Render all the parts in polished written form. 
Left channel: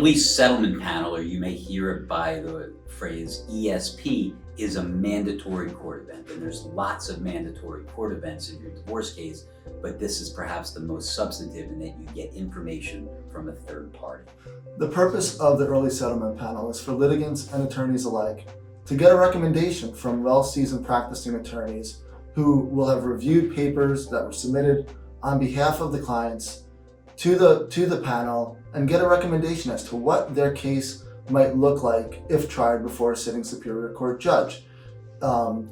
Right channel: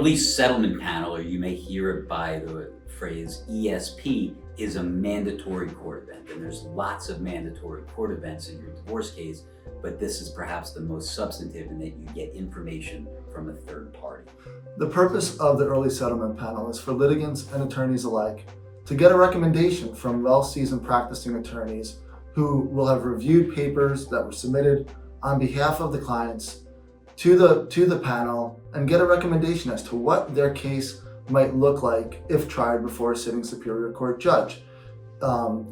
early settlement panel, or you may hear it by the phrase ESP, is a mandatory court event. And there's lots of mandatory court events in your divorce case, but this is perhaps the most substantive in that you get information from a third party. The purpose of the early settlement panel is for litigants and attorneys alike to get a recommendation from well-seasoned practicing attorneys who will have reviewed papers that were submitted on behalf of the clients to the panel and get a recommendation as to what their case might look like if tried before a sitting Superior Court judge.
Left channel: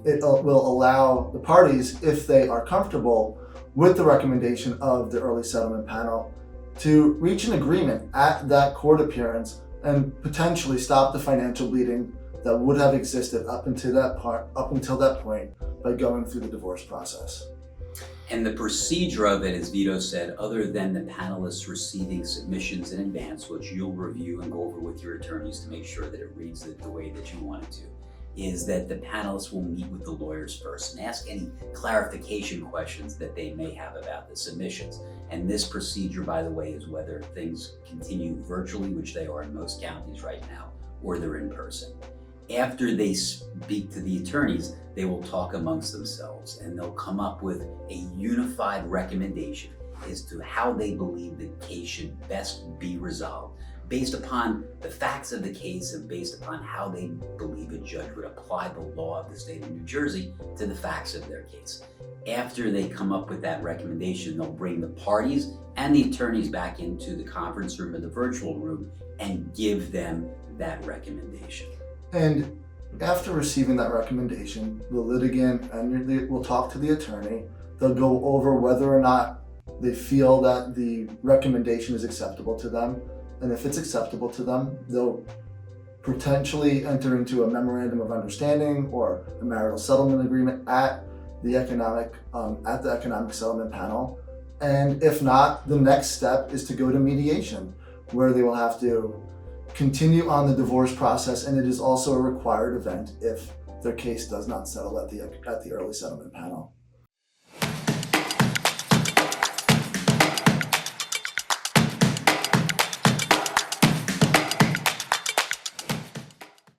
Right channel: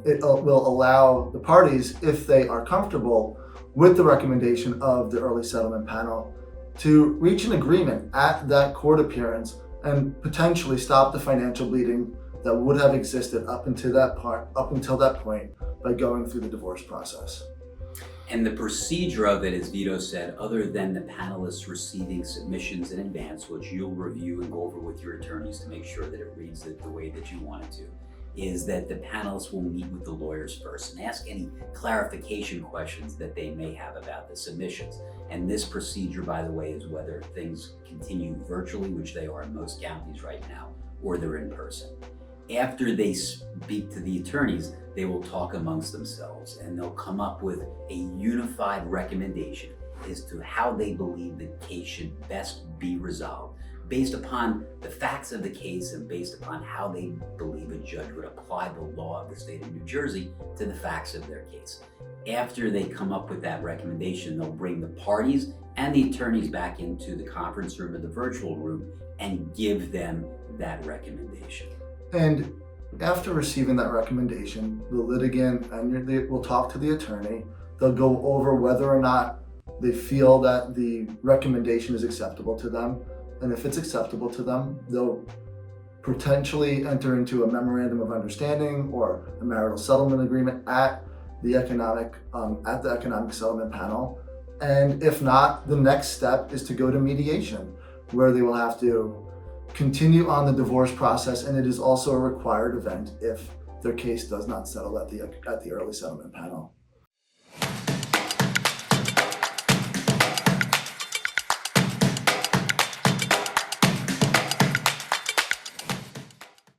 It will allow the parties, if they are comfortable with the recommendation of the early settlement panel, to reach an agreement at that court appearance and potentially stop the financial bleeding that would have existed up until that point by going through the divorce process. And the procedure of it, as Vito said, other than the panelists receiving submissions in advance, which you'll review and go over with your attorneys to make sure that it reads it the way that you want it to, is that the panelists will meet with the lawyers first and ask any clarification questions that they may have about the submissions. And this procedure, by the way, is whether things continue virtually, which they are in most counties right now, or they're in person. After they speak to the attorneys, they will talk amongst themselves and they'll come up with a unified recommendation as to how they believe the case should best be resolved, based upon the facts of the case and based upon how they believe a judge would apply the law of the state of New Jersey to the facts of their case. After they come up with that recommendation, they'll bring the parties and the attorneys back into the conference room or the virtual room and give them that recommendation. And after receiving that recommendation, the litigant will talk to the attorney. They'll go over whether or not they feel that the recommendation is acceptable to them. And if it's acceptable to them, they'll potentially enter into a memorandum of understanding or a marital settlement agreement at the economic settlement panel. And if not, the next step is to go to mediation, where they will have to continue on the divorce process, and it is also a required event if their case does not settle at the early settlement panel.